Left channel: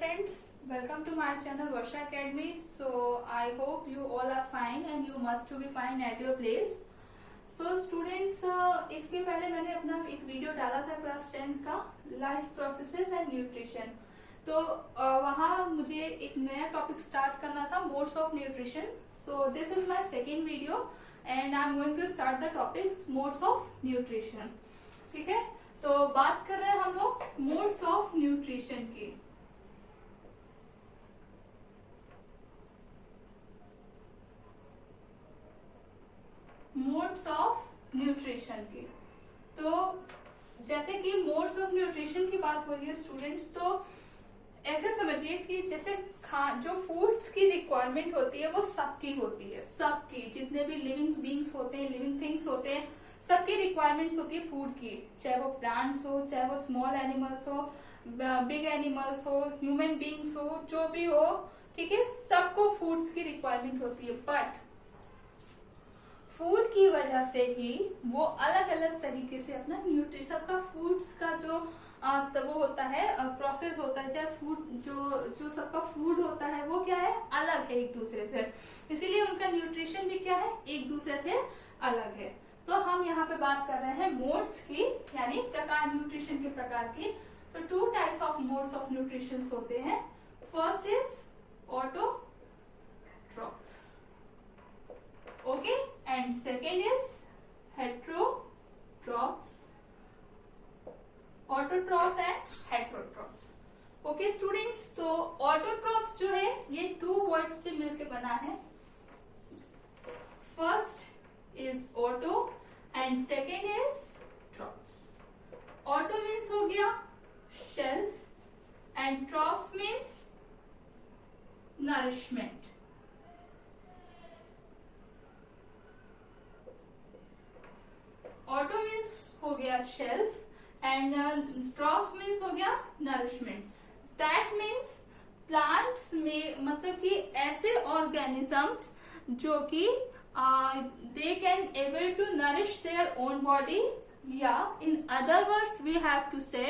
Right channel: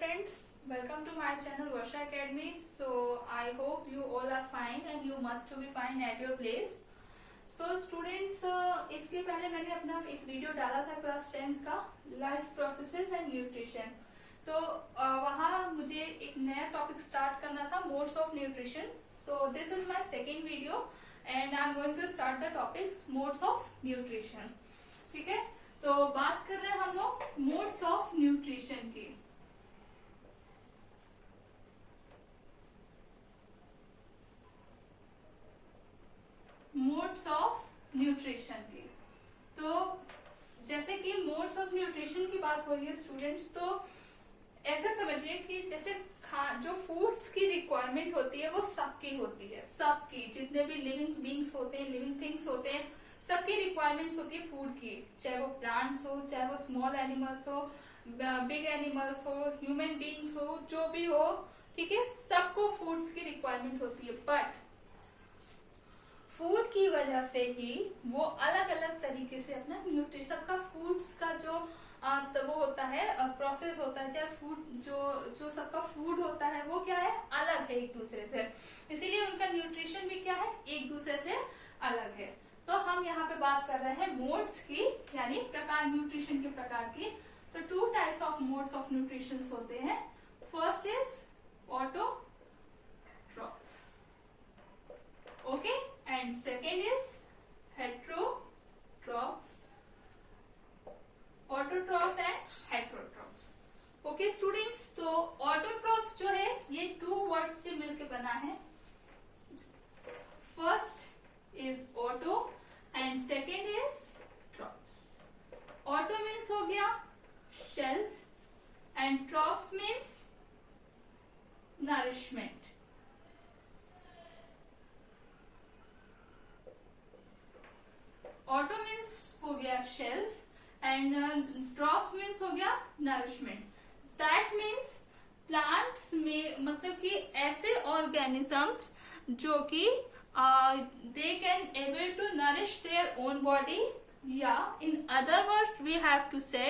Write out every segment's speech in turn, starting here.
friends, welcome to my channel Varsha Academy. So I hope you all are fine and you must to be fine at your place. So students, इसके पहले मैंने अपना एक video डाला था class 10 का life processes and nutrition. तो वहाँ मुझे एक नया टॉपिक स्टार्ट करना था, modes of nutrition. So this is my second video and I am going to start the topic modes of nutrition. ठीक है, तो बात कर रहे हैं हम लोग मोड्स ऑफ न्यूट्रिशन की। मोड्स ऑफ न्यूट्रिशन की, तो जैसे कि मोड्स ऑफ न्यूट्रिशन की बात हो रही है स्टूडेंट्स, तो ऐसे समझिए कि जैसे जो फूड्स की रिक्वायरमेंट होती है वो सबकी होती है, सबकी, जितने भी लिविंग बींग्स होते हैं, लिविंग थिंग्स होते हैं, सबकी रिक्वायरमेंट्स होती है फूड की, चाहे वो प्लांट्स हो, चाहे वो स्मॉल एनिमल्स हो, बिग एनिमल्स हो, ह्यूमन बींग्स हो, जो भी हो, ठीक है, सबको फूड्स की रिक्वायरमेंट होती है। बट फूड की वजह से ही वो अलग अलग तरीके से अपना न्यूट्रिशन, सबका फूड्स का जो वो होता है, प्रोसेस होता है, चाहे फूड जो सबका फूड होता है वो क्या है, अलग है एक दूसरे से, इसीलिए उनका न्यूट्रिशन भी क्या है, एक दूसरे से अलग है। तो हम यहाँ पे बात कर रहे हैं मोड्स की, यानी प्रकार, न्यूट्रिशन के प्रकार की। तो two types of modes of nutrition होते हैं। First is autotrophs, okay, and second is heterotrophs, autotrophs and heterotrophs. Okay students, तो ऑटोट्रॉप्स जो है ये टू वर्ड से मिलकर बना है। First is auto and second is trophs. Auto means हो गया shelf and trophs means nourishment. Auto means हो गया शेल्फ एंड ट्रॉप्स मीन्स हो गया नरिशमेंट। दैट मीन्स प्लांट्स में, मतलब कि ऐसे ऑर्गेनिजम्स जो कि they can able to nourish their own body, या in other words we have to say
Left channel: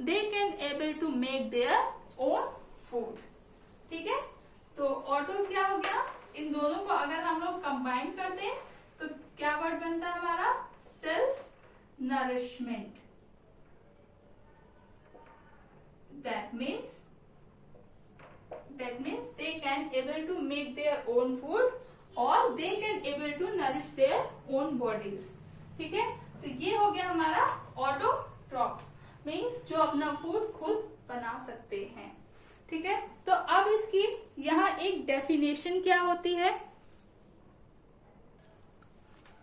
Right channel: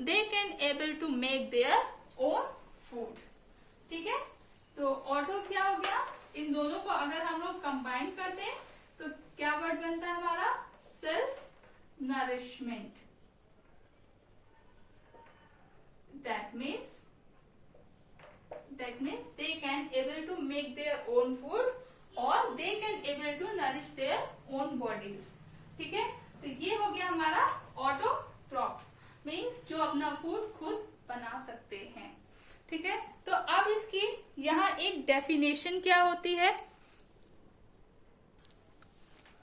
they can able to make their own food। ठीक है, तो ऑटो क्या हो गया, इन दोनों को अगर हम लोग कंबाइन करते हैं तो क्या वर्ड बनता है हमारा, self nourishment. That means they can able to make their own food और they can able to nourish their own bodies। ठीक है, तो ये हो गया हमारा ऑटोट्रॉप्स, मीन्स जो अपना फूड खुद बना सकते हैं। ठीक है, तो अब इसकी यहाँ एक डेफिनेशन क्या होती है,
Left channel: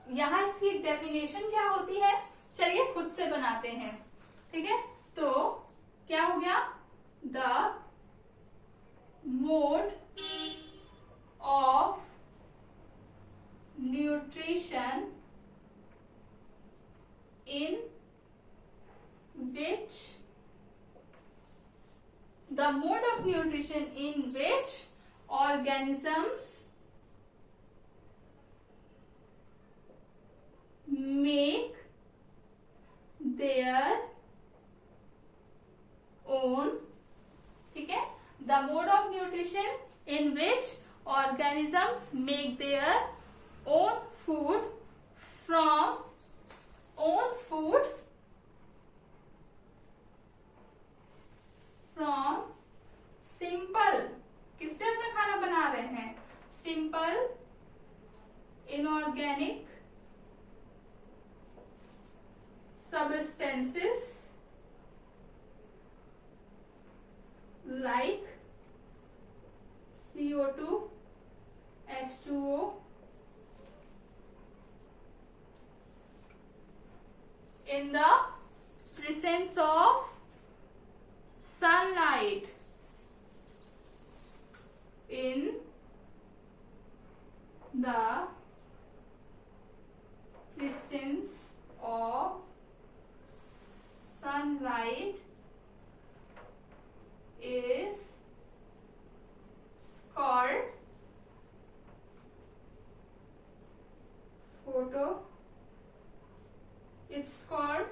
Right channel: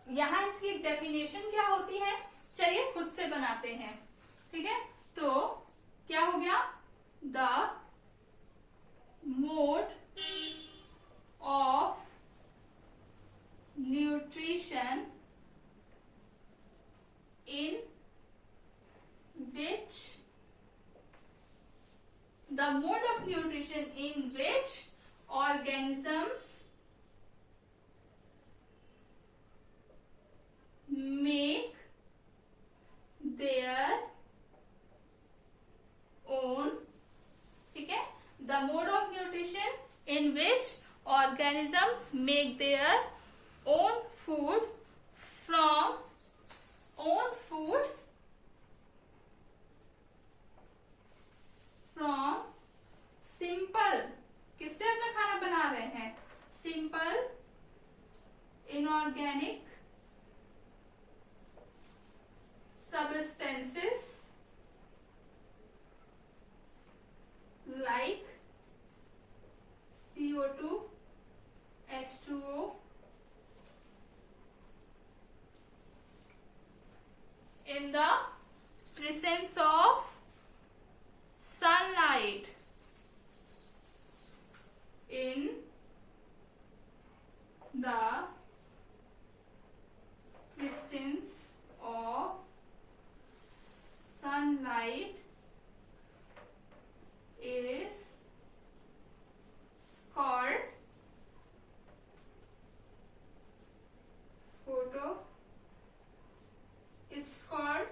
यहाँ इसकी डेफिनेशन क्या होती है, चलिए खुद से बनाते हैं। ठीक है, तो क्या हो गया, the mode of nutrition in which the mode of nutrition in which organisms make their own, ठीक है, the mode of nutrition in which organisms make their own food from simple, किससे अपना खाना बना रहे हैं, simple inorganic substances like CO2, H2O, in the presence of sunlight, in the presence of sunlight is called it's called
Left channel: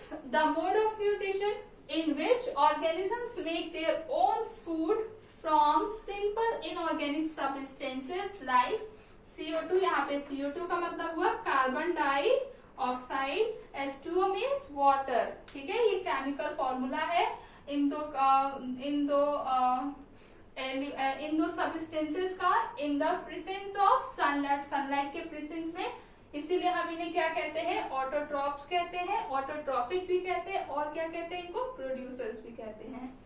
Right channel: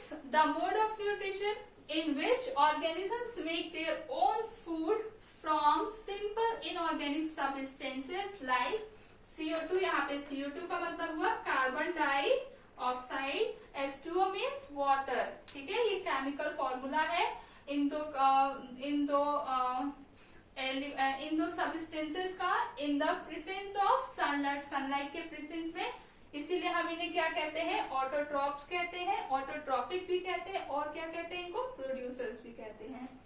students, the mode of nutrition in which organisms make their own food from simple inorganic substances like CO2। यहाँ पे CO2 का मतलब हुआ carbon dioxide, H2O means water. ठीक है, ये chemical formula है इन दो सब्सटेंसेस का in the presence of sunlight, sunlight के प्रेजेंस में। इसीलिए हम इन्हें क्या कहते हैं, ऑटोट्रॉप्स कहते हैं, ऑटोट्रॉपिक भी कहते हैं, और क्या कहते हैं इनको, प्रोड्यूसर्स भी कहते हैं।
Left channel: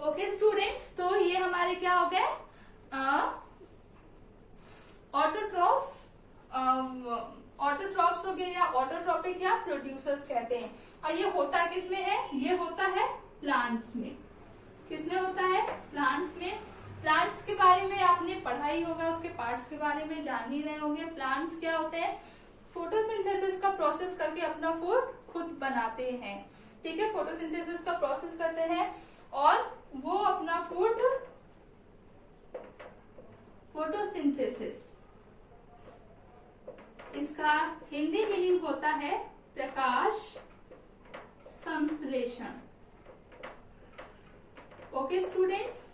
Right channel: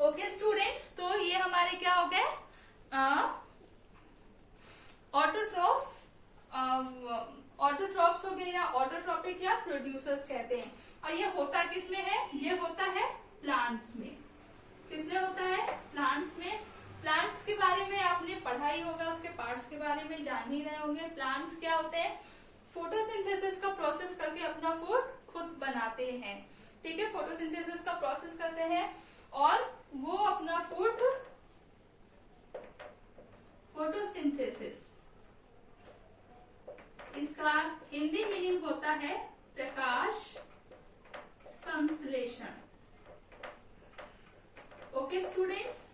ओके स्टूडेंट्स, तो ये हमारे क्या हो गए, ऑटोट्रॉप्स, ऑटोट्रॉप्स हो गए या ऑटोट्रॉपिक या प्रोड्यूसर्स कहते हैं। और ये होता किसमें है, ये होता है प्लांट्स में। किसमें होता है, प्लांट्स में। प्लांट्स के बारे में आपने पढ़ा ही होगा, उसके पार्ट्स के बारे में जान ही रहे होंगे। प्लांट्स क्या होते हैं, फोटोसिंथेसिस का प्रोसेस करके अपना फूड खुद बनाते हैं। ठीक है, फोटोसिंथेसिस का प्रोसेस करते हैं और वो अपना फूड, फोटोसिंथेसिस इसका हिंदी मीनिंग होता है प्रकाश संश्लेषण। ओके स्टूडेंट्स,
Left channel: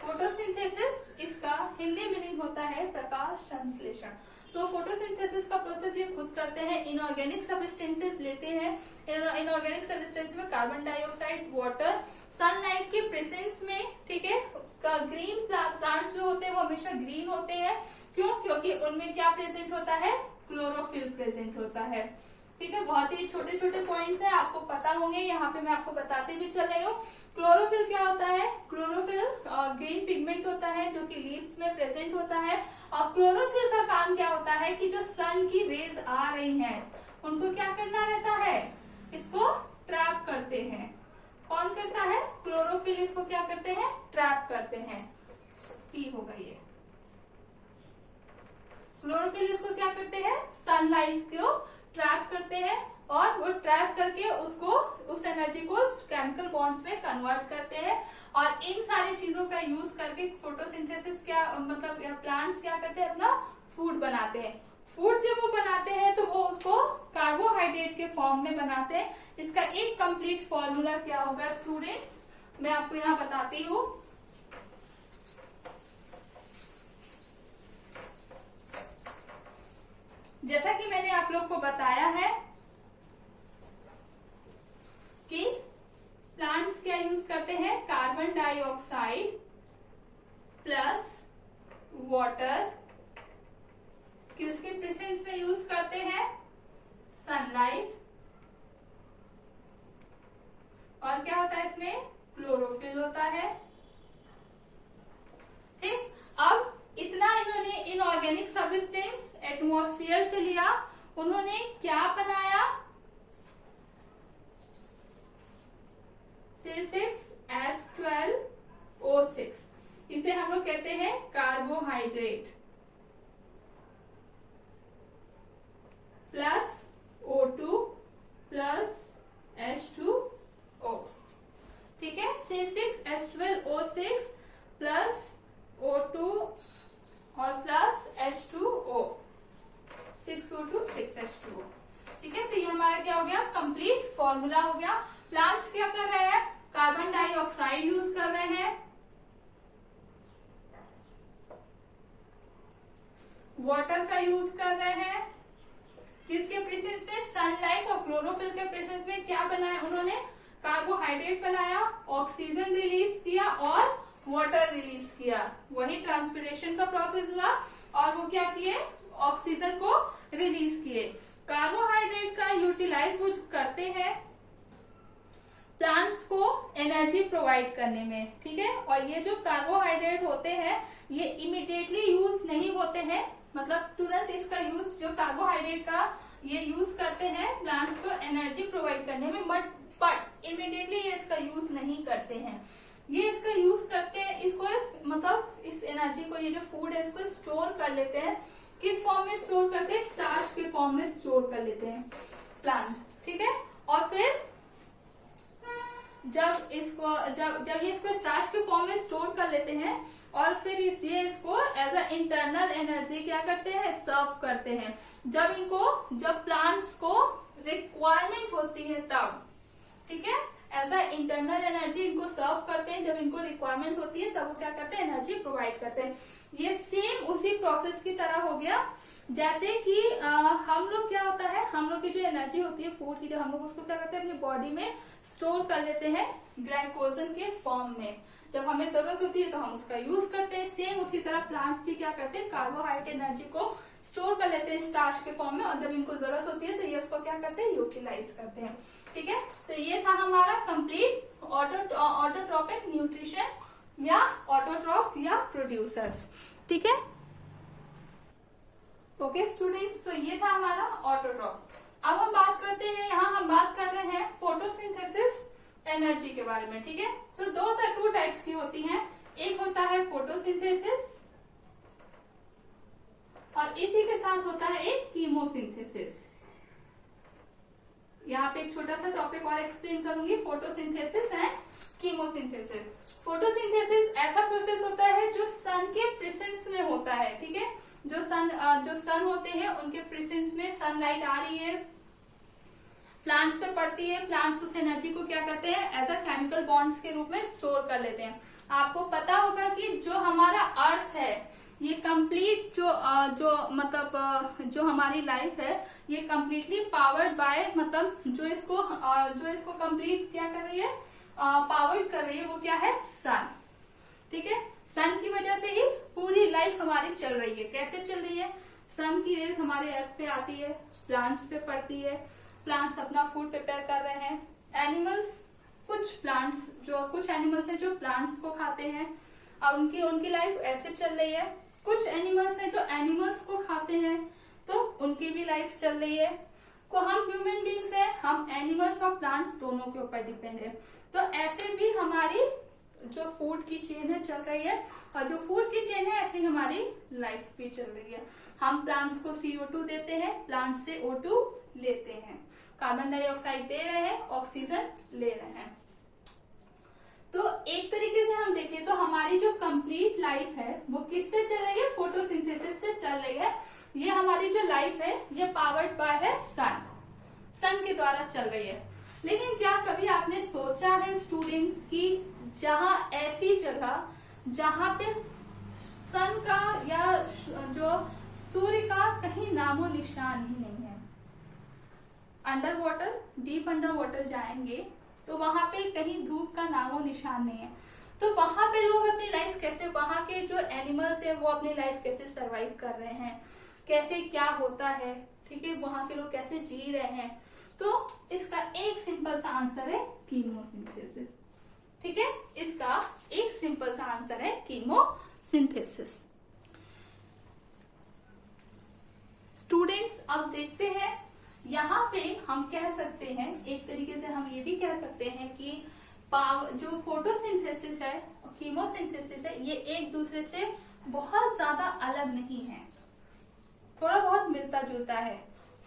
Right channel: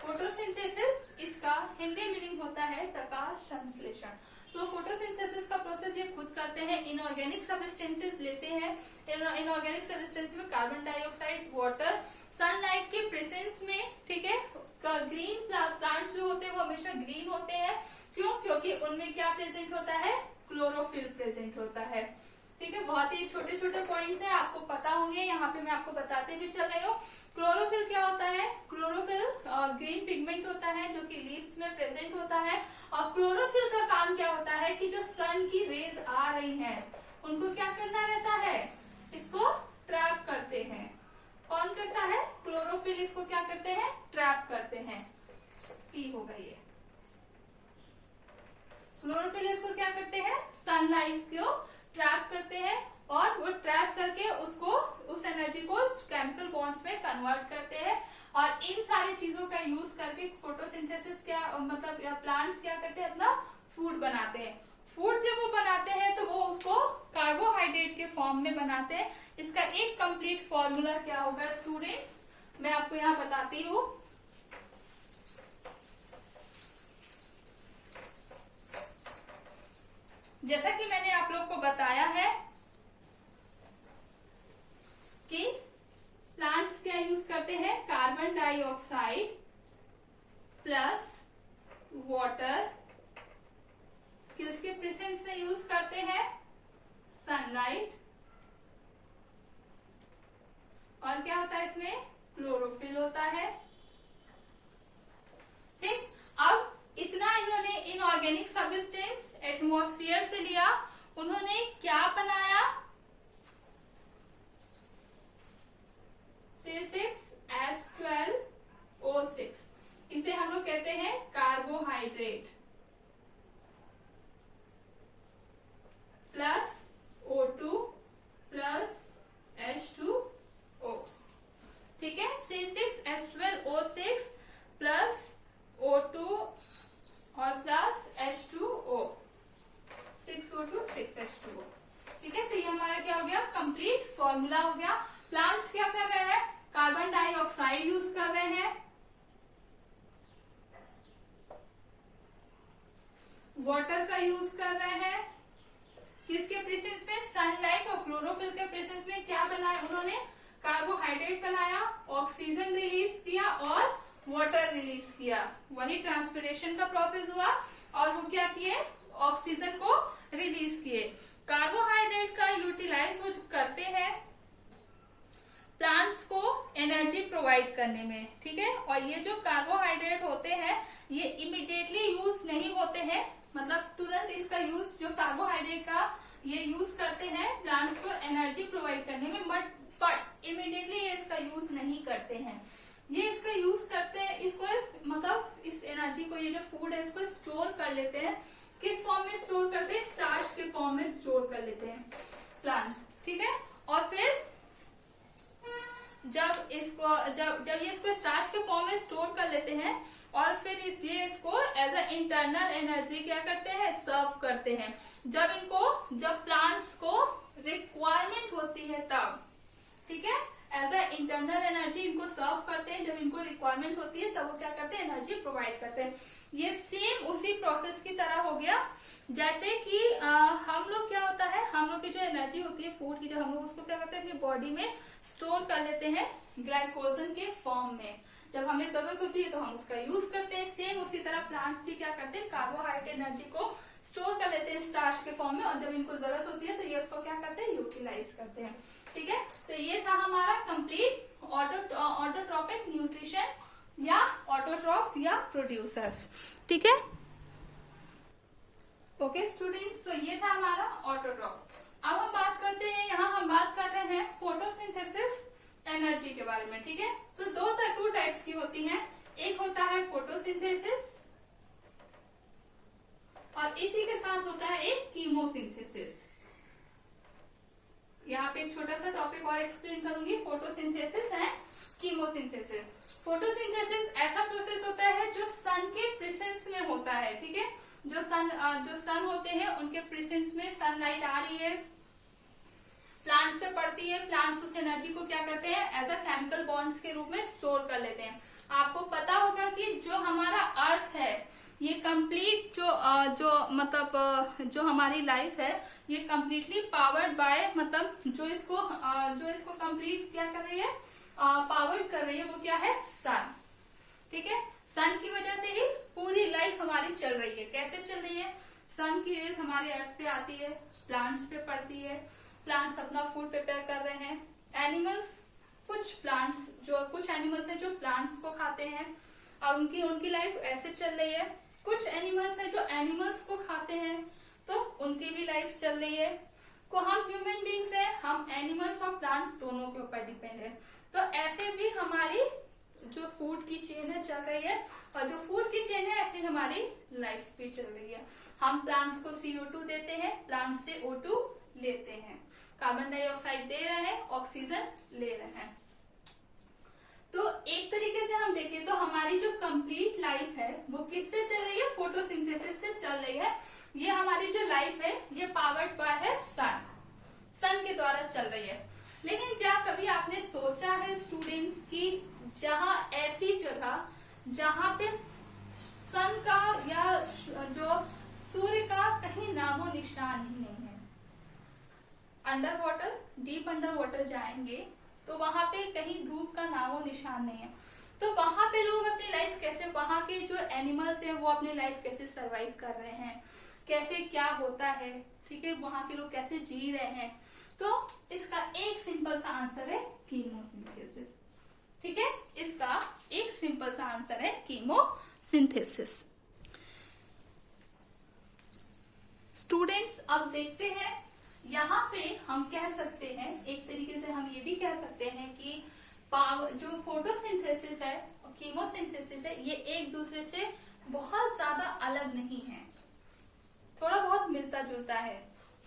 फोटोसिंथेसिस इसका हिंदी मीनिंग होता है प्रकाश संश्लेषण। तो फोटोसिंथेसिस का प्रोसेस ये खुद करते हैं, इनऑर्गेनिक सब्सटेंसेस लेते हैं। इनऑर्गेनिक सब्सटेंस में कार्बन डाइऑक्साइड, वाटर, सनलाइट के प्रेजेंस में। ठीक है, ग्रीन प्लांट जो होते हैं वो हमेशा ग्रीन होते हैं। क्यों, क्योंकि उनमें क्या प्रेजेंट होता है, क्लोरोफिल प्रेजेंट होता है। ठीक है, बहुत ही छोटे छोटे पॉइंट्स है, आपको पता होंगे, यहाँ पे मैं आपको बताते भी चल रही हूँ। क्लोरोफिल क्या होता है, क्लोरोफिल ग्रीन पिगमेंट होता है जो कि लीव्स में प्रेजेंट होता है। और क्लोरोफिल का काम क्या होता है कि जो सन की रेज आ रही हैं उनको क्या करना रहता है, इसको ट्रैप करते हैं। कौन करता है, क्लोरोफिल इसको क्या करते हैं, ट्रैप करते हैं। पी होगा ये, क्लोरोफिल इसको क्या करते हैं, सनलाइट को ट्रैप करते हैं और वो ट्रैप करके उसको, उस एनर्जी को केमिकल बॉन्ड्स में कन्वर्ट करते हैं। और इन सारी चीजों का यूज करके फोटोसिंथेसिस क्या मतलब प्लांट्स क्या करते हैं, अपना फूड बनाते हैं। फूड जब वो बनाते हैं तो वो उसको कार्बोहाइड्रेट के फॉर्म में बनाते हैं। इसका एक कंप्लीट फॉर्मूला क्या होगा स्टूडेंट्स, मैं आपको यहाँ बताती हूँ। जैसा कि मैंने आप लोग को बताया है कि प्लांट्स क्या यूज करते हैं, कार्बन डाइऑक्साइड प्लस वाटर, किसके प्रेजेंस में यूज करते हैं, सनलाइट, और क्या होता है इसमें, क्लोरोफिल होता है। ठीक, अब इतना इन्होंने इनऑर्गेनिक सब्सटेंस एटमॉस्फेयर से लिया, उन्होंने क्या बनाया, C6H12O6, इसे हम लोग कहते हैं carbohydrate, plus O2 plus H2O। ठीक है, C6H12O6 प्लस O2 और प्लस H2O, 6O2 6H2O। ठीक है, तो ये हमारा क्या हो गया, कंप्लीट फॉर्मूला हो गया। प्लांट्स क्या कर रहे हैं, कार्बन डाइऑक्साइड यूज कर रहे हैं, वाटर का यूज कर रहे हैं, किसके प्रेजेंस में, सनलाइट और क्लोरोफिल के प्रेजेंस में क्या बनाया उन्होंने, कार्बोहाइड्रेट बनाया, ऑक्सीजन रिलीज किया और वाटर रिलीज किया। वही ट्रांसपिरेशन का प्रोसेस हुआ और वो क्या किए, ऑक्सीजन को रिलीज किए। कार्बोहाइड्रेट का यूटिलाइज वो करते हैं प्लांट्स को एनर्जी प्रोवाइड करने में। ठीक है, और ये जो कार्बोहाइड्रेट होते हैं ये इमीडिएटली यूज नहीं होते हैं, मतलब तुरंत इसका यूज, जो कार्बोहाइड्रेट का ये यूज करते हैं प्लांट्स को एनर्जी प्रोवाइड करने में, बट इमीडिएटली ये इसका यूज नहीं करते हैं। ये इसका यूज करते हैं, इसको मतलब इस एनर्जी को, ये जो फूड है इसको स्टोर कर लेते हैं। किस फॉर्म में स्टोर करते हैं, स्टार्च के फॉर्म में स्टोर कर लेते हैं प्लांट्स। ठीक है, और फिर जब ये इसको स्टार्च के फॉर्म में स्टोर कर लेते हैं और फिर ये इसको एज अ इंटरनल एनर्जी क्या करते हैं, सर्व करते हैं। जब प्लांट्स को रिक्वायरमेंट होती है तब, ठीक है, एज अ इंटरनल एनर्जी इनको सर्व करते हैं। जब इनको रिक्वायरमेंट होती है तब वो क्या करते हैं, एनर्जी प्रोवाइड करते हैं। ये सेम उसी प्रोसेस की तरह हो गया जैसे कि हम लोग क्या होता है, हम लोग की जो एनर्जी होती है फूड की, जब हम लोग उसको क्या करते हैं अपनी बॉडी में स्टोर कर लेते हैं ग्लाइकोजन के फॉर्म में। जब हमें जरूरत होती है तो हम उसका यूज करते हैं। सेम उसी तरह प्लांट भी क्या करते हैं, कार्बोहाइड्रेट एनर्जी को स्टोर कर लेते हैं स्टार्च के फॉर्म में, और जब इनको जरूरत होती है तो ये उसको क्या करते हैं, यूटिलाइज करते हैं। ठीक है, तो ये था हमारा कंप्लीट ऑटोट्रॉपिक न्यूट्रिशन या ऑटोट्रॉफ्स या प्रोड्यूसर्स। ठीक है, ओके स्टूडेंट्स, तो ये था हमारा ऑटोट्रॉफ। अब हम बात करते हैं, यहाँ हम बात कर रहे हैं फोटोसिंथेसिस एनर्जी के बारे में। ठीक है, तो टू टाइप्स की होती हैं। एक होता है फोटोसिंथेसिस और इसी के साथ होता है एक कीमोसिंथेसिस। यहाँ पे एक छोटा सा टॉपिक और एक्सप्लेन करूंगी, फोटोसिंथेसिस एंड कीमोसिंथेसिस। फोटोसिंथेसिस ऐसा प्रोसेस होता है जो सन के प्रेजेंस में होता है। ठीक है, जो सन होते हैं उनके प्रेजेंस में सनलाइट आ रही है, प्लांट्स पे पड़ती है, प्लांट्स उस एनर्जी को क्या करते हैं, एज अ केमिकल बॉन्ड्स के रूप में स्टोर कर लेते हैं। आपको पता होगा कि जो हमारा अर्थ है ये कंप्लीट जो हमारी लाइफ है ये कंप्लीटली पावर्ड बाय, मतलब जो इसको कंप्लीट क्या कर रही है, पावर्ड कर रही है, वो क्या है, सन। ठीक है, सन की वजह से ही पूरी लाइफ हमारी चल रही है। कैसे चल रही है, सन की रेज हमारे अर्थ पे आती है, प्लांट्स पे पड़ती है, प्लांट्स अपना फूड प्रिपेयर कर रहे हैं, एनिमल्स, कुछ एनिमल्स हैं जो प्लांट्स को खाते हैं और उनकी लाइफ ऐसे चल रही है। कुछ एनिमल्स हैं जो एनिमल्स को खाते हैं तो उनकी भी लाइफ चल रही है। को हम ह्यूमन बींग्स हैं, हम एनिमल्स और प्लांट्स दोनों के ऊपर डिपेंड है। तो ऐसे भी हमारी जो फूड की चेन है चल रही है, और जो फूड की चेन है ऐसे ही हमारी लाइफ भी चल रही है। हम प्लांट्स को CO2 देते हैं, प्लांट से O2 लेते हैं, कार्बन डाइऑक्साइड दे रहे हैं, ऑक्सीजन ले रहे हैं। तो एक तरीके से हम देखें तो हमारी जो कंप्लीट लाइफ है वो किससे चल रही है, फोटोसिंथेसिस से चल रही है। ये हमारी जो लाइफ है ये पावर्ड बाय है सन के द्वारा चल रही है। लेकिन क्या कभी आपने सोचा है स्टूडेंट्स की जहां ऐसी जगह जहां पे सन का या जो सूर्य का कहीं नामो निशान ही नहीं है, under water, deep under water जाएंगे तो वहां पे कहीं धूप का नामो निशान नहीं है, तो वहां पे लोग अपनी लाइफ कैसे, वहां के जो एनिमल्स है वो अपनी लाइफ कैसे सरवाइव कर रहे हैं, कैसे क्या होता है, ठीक है, वहां के लोग कैसे जी रहे हैं। तो इसका एक सिंपल सा आंसर है कीमोसिंथेसिस। ठीक है, इसका एक सिंपल सा आंसर है कीमोसिंथेसिस। स्टूडेंट्स अब देखते हैं, यहाँ पे हम कह सकते हैं, एक तरीके से हम ये भी कह सकते हैं कि जो फोटोसिंथेसिस है और कीमोसिंथेसिस है ये एक दूसरे से बहुत ज्यादा अलग नहीं है, थोड़ा बहुत मिलता जुलता है।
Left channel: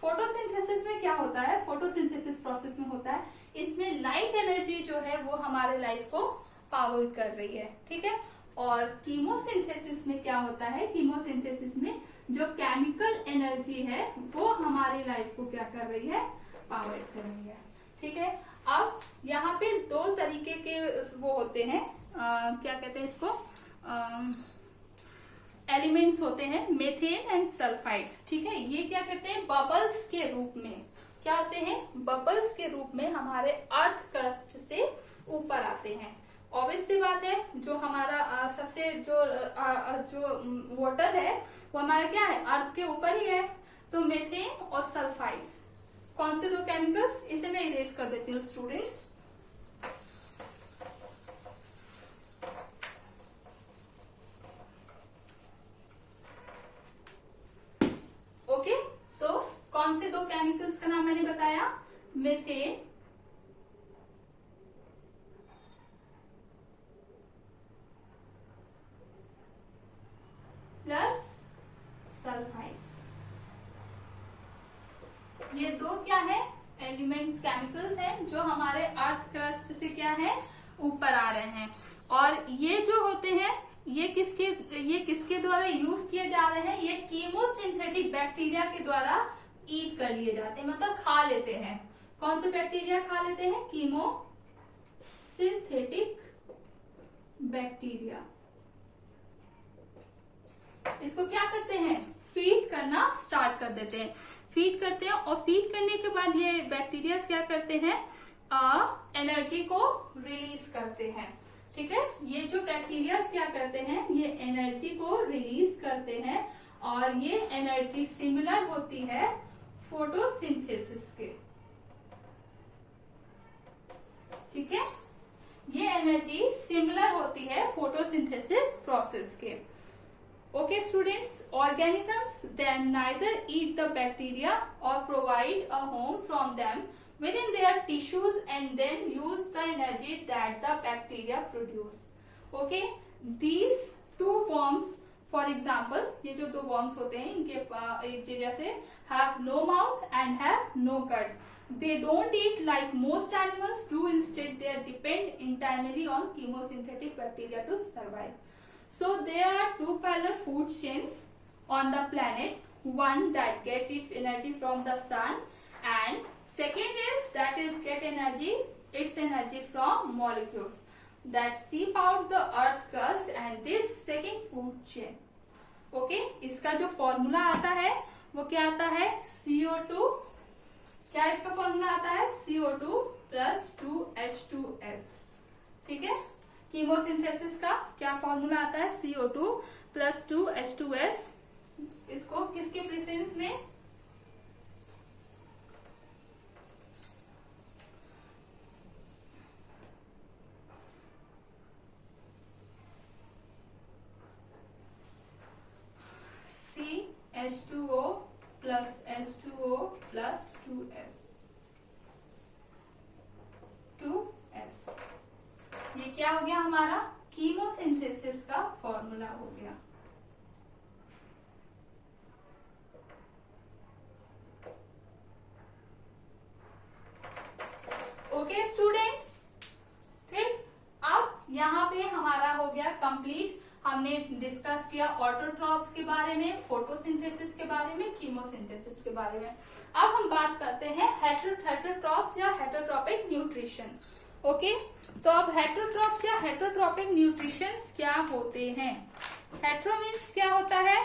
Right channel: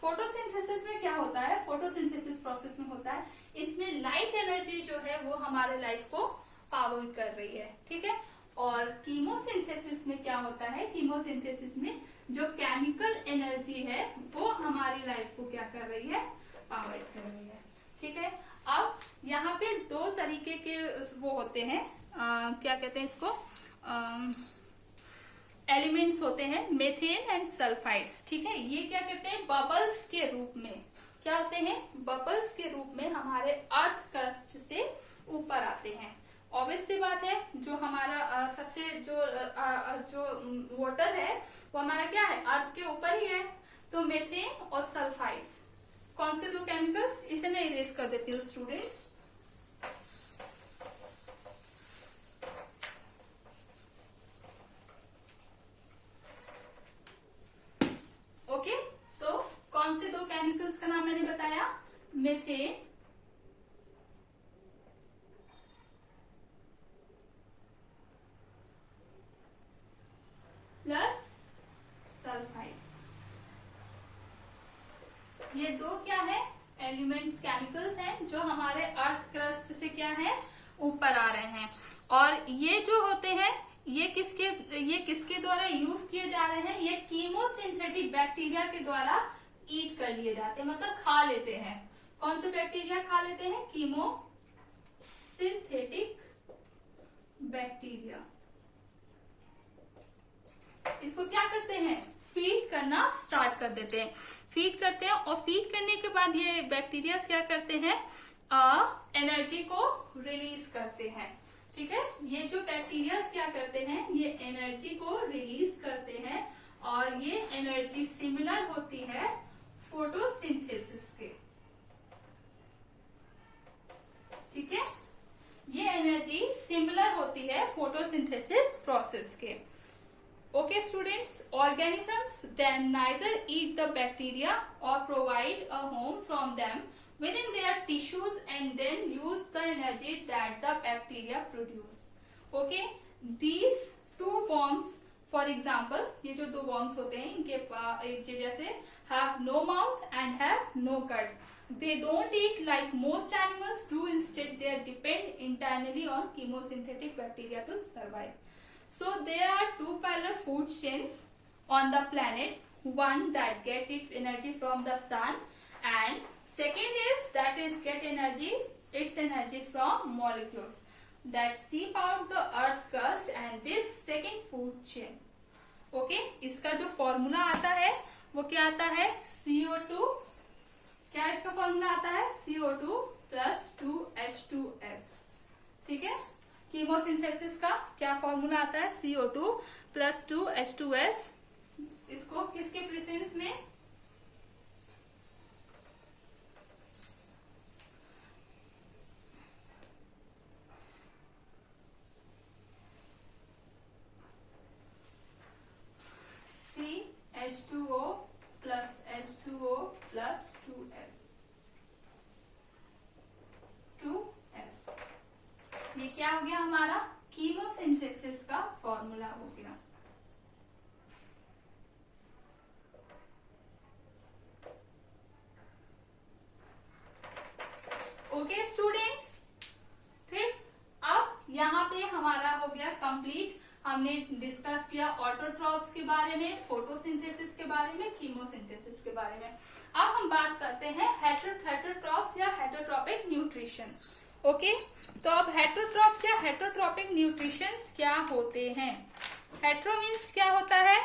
फोटोसिंथेसिस में क्या होता है, फोटोसिंथेसिस प्रोसेस में होता है, इसमें लाइट एनर्जी जो है वो हमारे लाइफ को पावर कर रही है। ठीक है, और कीमोसिंथेसिस में क्या होता है, कीमोसिंथेसिस में जो केमिकल एनर्जी है वो हमारी लाइफ को क्या कर रही है, पावर कर रही है। ठीक है, अब यहाँ पे दो तरीके के वो होते हैं, क्या कहते हैं इसको, एलिमेंट्स होते हैं, मेथेन एंड सल्फाइड्स। ठीक है, ये क्या करते हैं, बबल्स के रूप में, क्या होते हैं, बबल्स के रूप में हमारे अर्थ क्रस्ट से ऊपर आते हैं। ऑब्वियस सी बात है, जो हमारा सबसे जो वाटर है वो हमारा क्या है, अर्थ के ऊपर ही है। तो मेथेन और सल्फाइड्स कौन से दो केमिकल्स, इसे मैं इरेज कर देती हूँ स्टूडेंट्स। ओके, तो कौन से दो केमिकल्स का नाम मैंने बताया, मेथेन प्लस सल्फाइड्स। ये दो क्या है, एलिमेंट्स केमिकल्स हैं जो हमारे अर्थ क्रस्ट से क्या है, ऊपर आ रहे हैं। और ये जो होते हैं ये किसके द्वारा यूज किए जा रहे हैं, ये कीमोसिंथेटिक बैक्टीरिया के द्वारा ईट कर लिए जाते हैं, मतलब खा लेते हैं। कौन से बैक्टीरिया खा लेते हैं, कीमोसिंथेटिक बैक्टीरिया। इसको क्या करते हैं, फीड करना स्टार्ट कर देते हैं, फीड करते हैं। और फीड करने के बाद ये बैक्टीरिया क्या करते हैं, एनर्जी को रिलीज करते हैं। ठीक है, ये जो बैक्टीरिया क्या करते हैं, ये एनर्जी को रिलीज करते हैं और ये एनर्जी सिमिलर होती है फोटोसिंथेसिस के। ठीक है, ये एनर्जी सिमिलर होती है फोटोसिंथेसिस प्रोसेस के। Okay students, organisms then neither eat the bacteria or provide a home from them within their tissues and then use the energy that the bacteria produce. Okay, these two worms, for example, ये जो दो worms होते हैं इनके जैसे have no mouth and have no gut. They don't eat like most animals do. Instead, they depend entirely on chemosynthetic bacteria to survive. So there are two parallel food chains on the planet. One that get its energy from the sun, and second is that is get its energy from molecules that seep out the earth crust and this second food chain. Okay, इसका जो formula आता है वो क्या आता है, CO2। क्या इसका फॉर्मूला आता है, CO2 plus 2H2S। ठीक है, कीमोसिंथेसिस का क्या फॉर्मूला आता है, CO2 plus 2H2S। इसको किसके प्रेजेंस में, CH2O plus H2O plus 2S। ये क्या हो गया हमारा, कीमोसिंथेसिस का फॉर्मूला हो गया। ओके स्टूडेंट्स, फिर अब यहाँ पे हमारा हो गया कंप्लीट। हमने डिस्कस किया ऑटोट्रॉप्स के बारे में, फोटोसिंथेसिस के बारे में, कीमोसिंथेसिस के बारे में। अब हम बात करते हैं हेटरोट्रॉप्स या हेटरोट्रॉपिक न्यूट्रिशन। ओके, तो अब हेटरोट्रॉप्स या हेटरोट्रॉपिक न्यूट्रिशन क्या होते हैं। हेटरो मीन्स क्या होता है,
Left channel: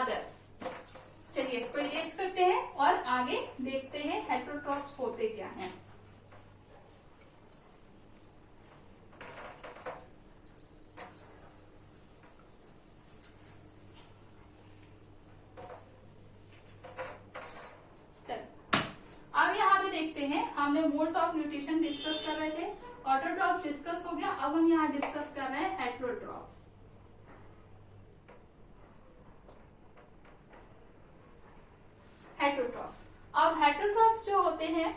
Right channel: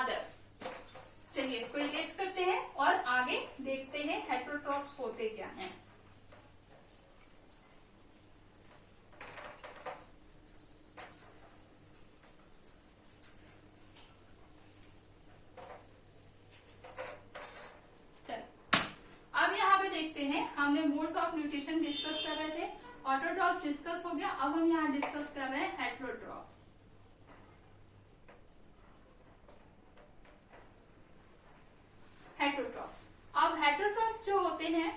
अदर्स। चलिए इसको इरेज करते हैं और आगे देखते हैं हेटरोट्रॉप्स होते क्या हैं। हमने मोड्स ऑफ न्यूट्रिशन डिस्कस कर रहे थे, ऑटोट्रॉप्स डिस्कस हो गया। अब हम यहाँ डिस्कस कर रहे हैं हेटरोट्रॉप्स। हेटरोट्रॉप्स, अब हेटरोट्रॉप्स जो होते हैं,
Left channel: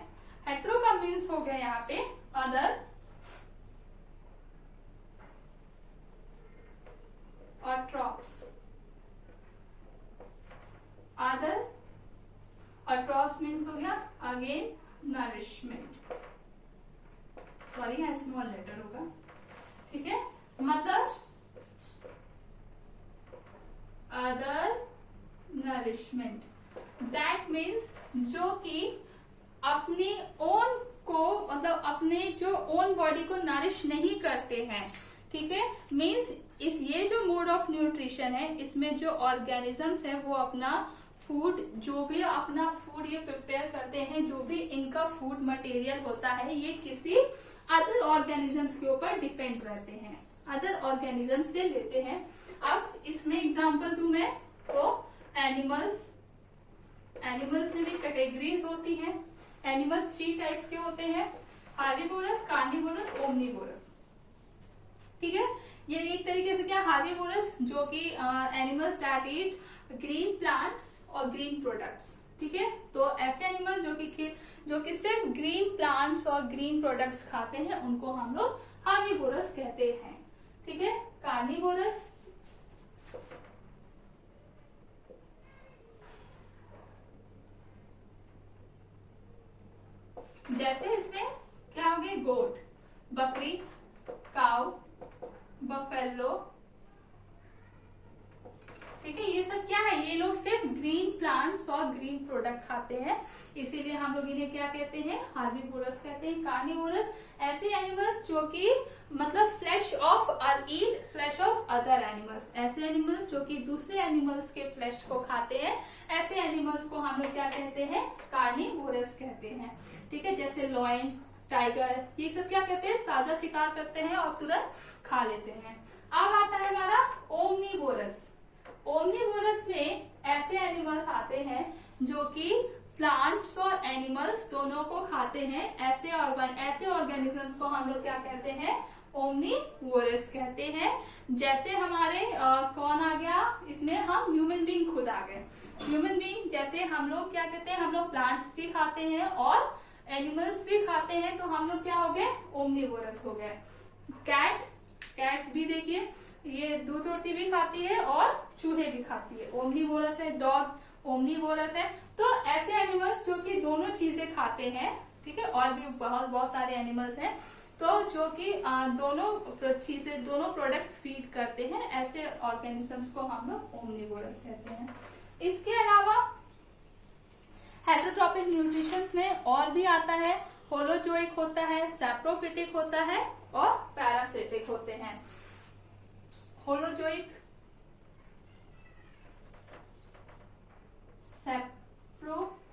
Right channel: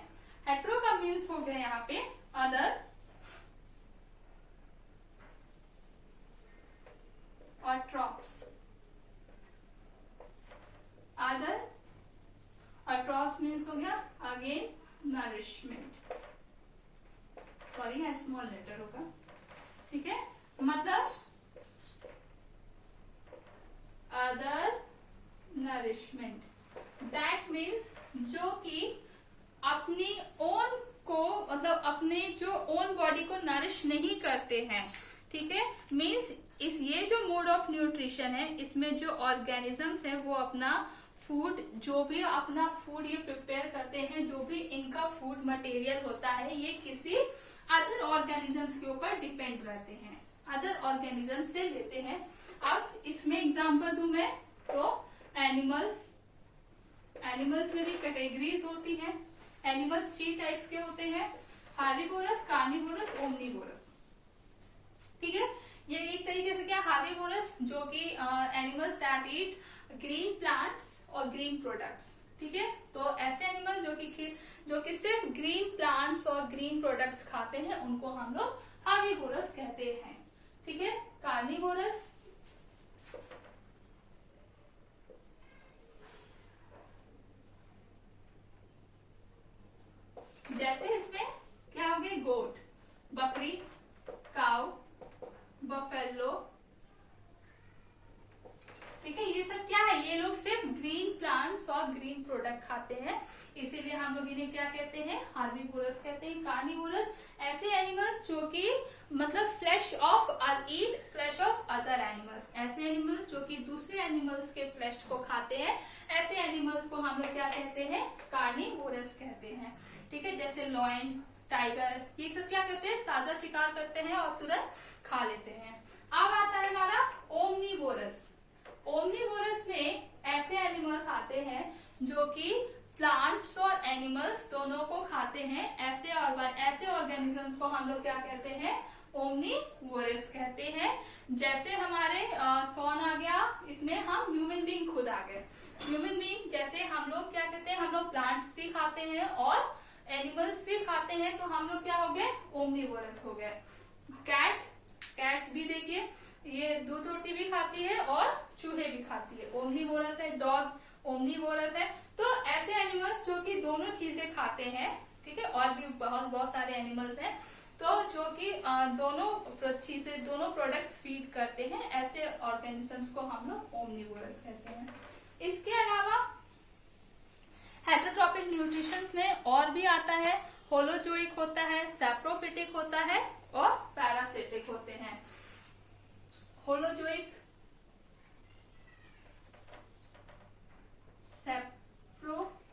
हेटरो का मीन्स हो गया यहाँ पे अदर और ट्रॉप्स। अदर और ट्रॉप्स मीन्स हो गया अगेन नरिशमेंट। सॉरी है स्मॉल लेटर होगा। ठीक है, मतलब अदर नरिशमेंट, दैट मीन्स जो कि अपनी ओन को, मतलब अपने जो ओन बॉडी को नरिश नहीं करते हैं। ठीक है, मीन्स ये जो मोड ऑफ न्यूट्रिशन है, इसमें जो ऑर्गेनिजम्स है वो अपना फूड, जो भी अपना फूड ये प्रिपेयर करते हैं, जो भी इनका फूड मटेरियल होता है, ये किसी अदर ऑर्गेनिजम्स के ऊपर डिपेंड रहते हैं, अदर ऑर्गेनिज्म से लेते हैं। अब इसमें एग्जांपल दूं मैं तो एनिमल्स में भी कैटेगरीज होती हैं। एनिमल्स 3 टाइप्स के होते हैं, हार्बिवोरस, कार्निवोरस, ओमनिवोरस। ठीक है, ये एक तरीके से क्या, हार्बिवोरस जो कि animals that eat green plants और ग्रीन प्रोडक्ट्स। ठीक है, तो ऐसे एनिमल जो कि सिर्फ ग्रीन प्लांट्स और ग्रीन प्रोडक्ट्स खाते हैं, उनको हम लोग हार्बिवोरस कहते हैं। ठीक है, कार्निवोरस जैसे इसमें क्या हो गए, गोट, बकरी, काउ, बफेलो, ठीक है। ये सब क्या है, ये लोग सिर्फ ग्रीन प्लांट्स और ग्रीन प्रोडक्ट खाते हैं, इसीलिए हम लोग इन्हें क्या कहते हैं, हार्बीवोरस कहते हैं। कार्निवोरस ऐसे एनिमल्स जो कि मतलब फ्लैश ऑफ अदर एनिमल्स, ऐसे एनिमल्स जो कि दूसरे एनिमल्स के फ्लैश को खाते हैं, ऐसे एनिमल्स को हम लोग क्या कहते हैं, कार्निवोरस कहते हैं, ठीक है। जैसे लॉयन, टाइगर, ये सब क्या कहते हैं, ताजा शिकार करते हैं और तुरंत खा लेते हैं। अब आता है हमारा ओमनीवोरस। ओमनीवोरस में ऐसे एनिमल्स आते हैं जो कि प्लांट्स और एनिमल्स दोनों को खाते हैं, ऐसे ऑर्गेनिजम्स को हम लोग क्या कहते हैं, ओमनीवोरस कहते हैं। जैसे हमारे कौन आ गया इसमें, हम ह्यूमन बीइंग खुद आ गए। ह्यूमन बीइंग जैसे हम लोग क्या कहते हैं, हम लोग प्लांट्स भी खाते हैं और एनिमल्स भी खाते हैं, तो हम लोग क्या हो गए, ओमनीवोरस हो गए। कैट भी देखिए, ये दूध रोटी भी खाती है और चूहे भी खाती है, ओमनीवोरस है। डॉग ओमनीवोरस है। तो ऐसे एनिमल्स जो कि दोनों चीजें खाते हैं, ठीक है, और भी बहुत सारे एनिमल्स हैं तो जो कि दोनों प्रोडक्ट्स फीड करते हैं, ऐसे ऑर्गेनिजम्स को हम लोग ओमनीवोरस कहते हैं। इसके अलावा हेटेरोट्रॉपिक न्यूट्रिशंस में और भी आता है, होलोजोइक होता है, सैप्रोफिटिक होता है और पैरासिटिक होते हैं। होलोजोइक, सैप्रोफिटिक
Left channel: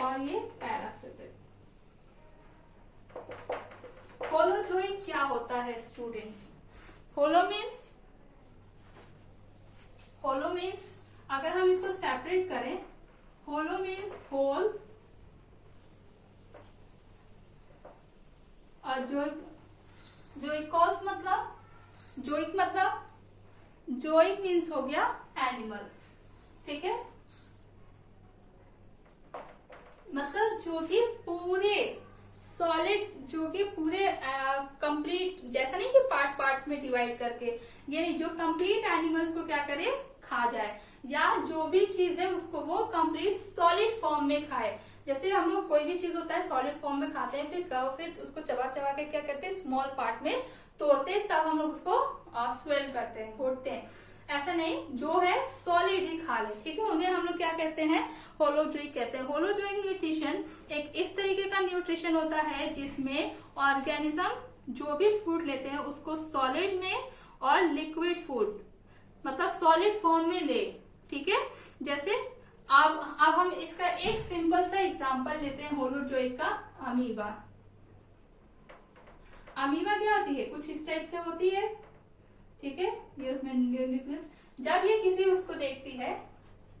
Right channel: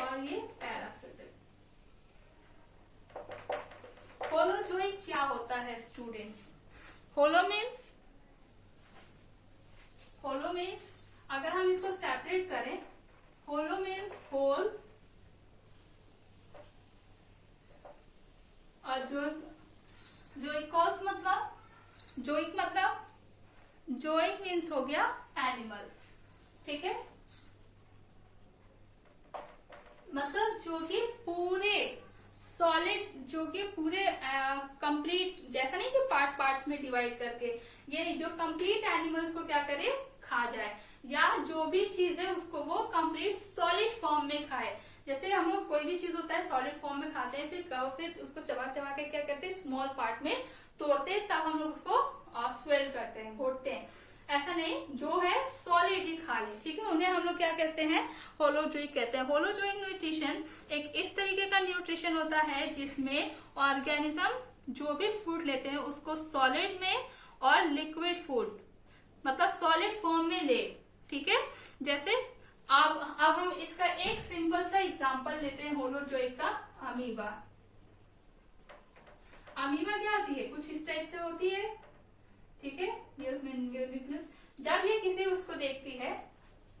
और ये पैरासिटिक। होलोजोइक क्या होता है स्टूडेंट्स, होलो मीन्स अगर हम इसको सेपरेट करें, होलो मीन्स होल और जोइक मीन्स हो गया एनिमल, ठीक है। मतलब जो कि पूरे सॉलिड, जो कि पूरे कंप्लीट, जैसा नहीं कि पार्ट्स में डिवाइड करके, ये नहीं, जो कंप्लीट एनिमल्स को क्या करे, खा जाए, या जो भी चीज है उसको वो कंप्लीट सॉलिड फॉर्म में खाए। जैसे हम लोग कोई भी चीज होता है सॉलिड फॉर्म में खाते हैं, फिर उसको चबा के क्या करते हैं, स्मॉल पार्ट में तोड़ते हैं, तब हम लोग उसको स्वेल करते हैं, घोटते हैं। ऐसा नहीं, जो है सॉलिड ही खा ले, ठीक है, उन्हें हम लोग क्या कहते हैं, होलोजोइक कहते हैं। होलोजोइक न्यूट्रिशन एक इस तरीके का न्यूट्रिशन होता है जिसमें ऑर्गेनिज्म जो भी फूड लेते हैं उसको सॉलिड में और लिक्विड फूड मतलब सॉलिड फॉर्म में ले, ठीक है। जैसे अब हम इसका एक सिंपल सा एग्जांपल लेते हैं होलोजोइक का, अमीबा। अमीबा क्या होती है, कुछ इस टाइप से होती है, ठीक है। ये उसमें न्यूक्लियस, जब ये किसी उसको देखती है,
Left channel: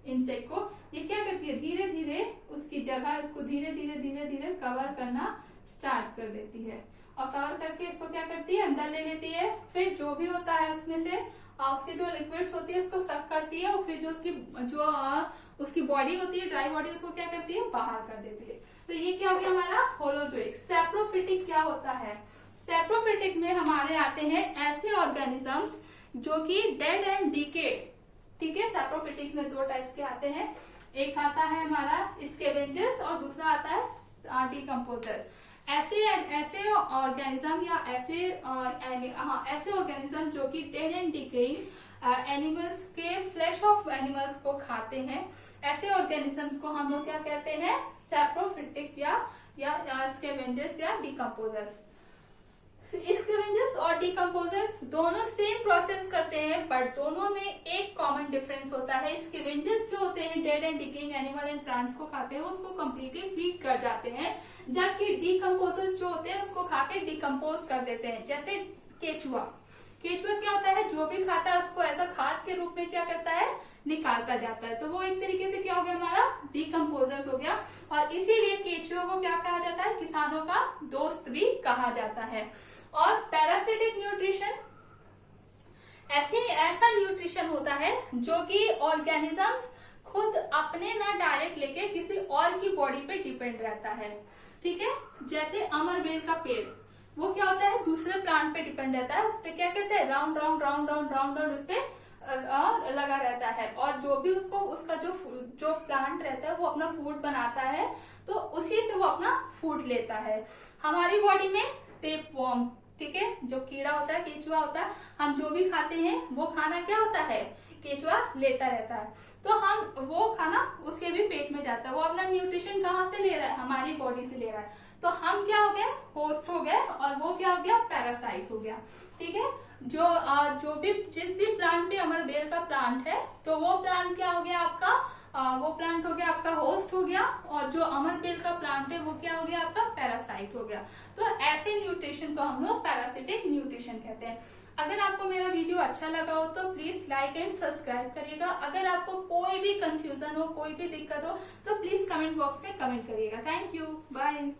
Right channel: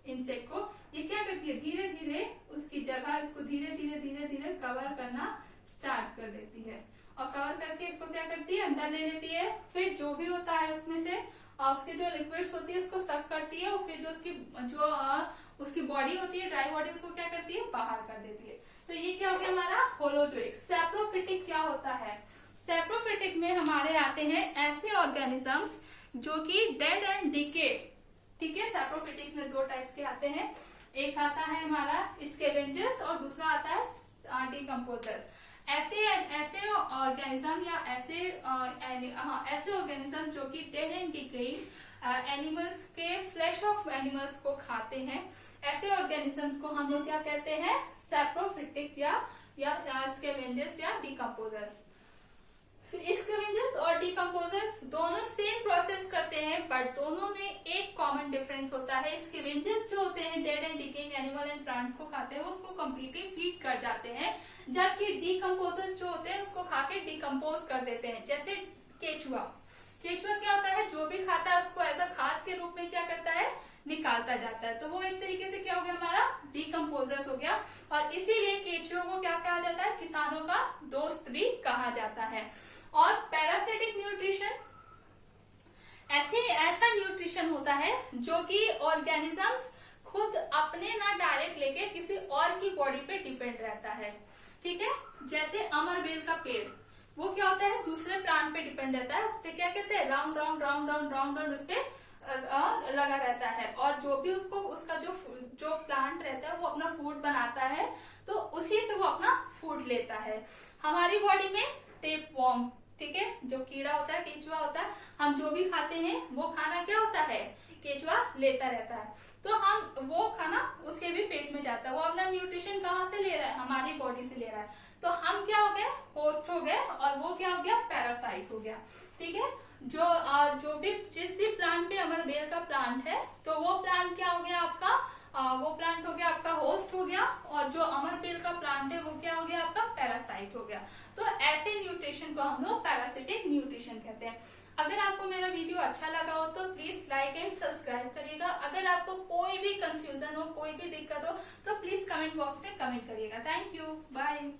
इंसेक्ट को, ये क्या करती है, धीरे धीरे उसकी जगह उसको धीरे धीरे कवर करना स्टार्ट कर देती है, और कवर करके इसको क्या करती है, अंदर ले लेती है। फिर जो भी होता है उसमें से उसकी जो लिक्विड्स होती है उसको सक करती है, और फिर जो उसकी बॉडी होती है, ड्राई बॉडी, उसको क्या करती है, बाहर कर देती है। तो ये क्या हो गया हमारा होलोजोइक। सैप्रोफिटिक क्या होता है, सैप्रोफिटिक में हमारे आते हैं ऐसे ऑर्गेनिजम्स जो कि डेड एंड डीके, ठीक है। सैप्रोफिटिक में दो टाइप्स के आते हैं, एक आता है हमारा स्कैवेंजर्स और दूसरा आता है डिकम्पोजर। ऐसे ऑर्गेनिज्म या ऐसे ऑर्गेनिज्म जो कि डेड एंड डिकेइंग एनिमल्स के फ्लैश ऑफ एनिमल्स को खाते हैं, ऐसे ऑर्गेनिजम्स को हम लोग क्या कहते हैं, सैप्रोफिटिक या स्कैवेंजर्स या डिकम्पोजर्स। स्कैवेंजर्स और डिकम्पोजर्स दोनों सेम प्रोसेस करते हैं, बट दोनों में एक कॉमन डिफरेंस होता है। स्कैवेंजर्स जो होते हैं dead and decaying animal and plants को खाते हैं, वो उसको कम्प्लीटली फीड कर जाते हैं, जबकि डिकम्पोजर्स जो होते हैं उसको खाके डिकम्पोज कर देते हैं। जैसे केचुआ क्या होता है, जो भी खाता है उसको एज अ खाद के रूप में क्या करता है, निकालता जाता है, तो वो एक तरीके से क्या हो गया, हमारा डिकम्पोजर्स हो गया। और इसीलिए केचुआ को क्या कहा जाता है, किसानों का दोस्त भी कहा जाता है। और पैरासिटिक न्यूट्रिशन ऐसा न्यूट्रिशन होता है जो कि ऑर्गेनिजम्स खुद अपने ना डायरेक्ट लेके किसी और की बॉडी पे डिपेंड रहता है, ठीक है। जैसे अमरबेल का पेड़, वो क्या होता है, दूसरे प्लांट पे डिपेंड रहता है, उस पे क्या कहते हैं, राउंड उस पे लगा रहता है। और और जो भी उसका जो प्लांट रहता है वो अपना फूड बनाता है, तो उसी से वो अपना फूड लेता है। हमारी बॉडी में टेपवर्म, ठीक है, जो कीड़ा होता है, केचुआ होता है, हम जो भी खाते हैं वो खाना क्या होता है, केचुआ लेता रहता है। तो हम वो खाना उसके भी पेट में जाता है, वो अपना न्यूट्रिशन कहाँ से ले रहा है, हमारी बॉडी से ले रहा है। तो हम क्या हो गए, होस्ट हो गए, और वो क्या हो गया, पैरासाइट हो गया। ठीक है, जो भी जिस भी प्लांट पे अमरबेल का प्लांट है, तो वो प्लांट क्या हो गया आपका, वो प्लांट हो गया आपका होस्ट हो गया, और जो अमरबेल का प्लांट है वो क्या हो गया आपका, पैरासाइट हो गया। तो ऐसे न्यूट्रिशन को हम लोग पैरासिटिक न्यूट्रिशन कहते हैं। अगर आपको मेरा वीडियो अच्छा लगा हो तो प्लीज लाइक एंड सब्सक्राइब करिएगा। अगर आपको कोई भी कंफ्यूजन हो, कोई भी दिक्कत हो, तो प्लीज कमेंट बॉक्स में कमेंट करिएगा। Thank you, bye.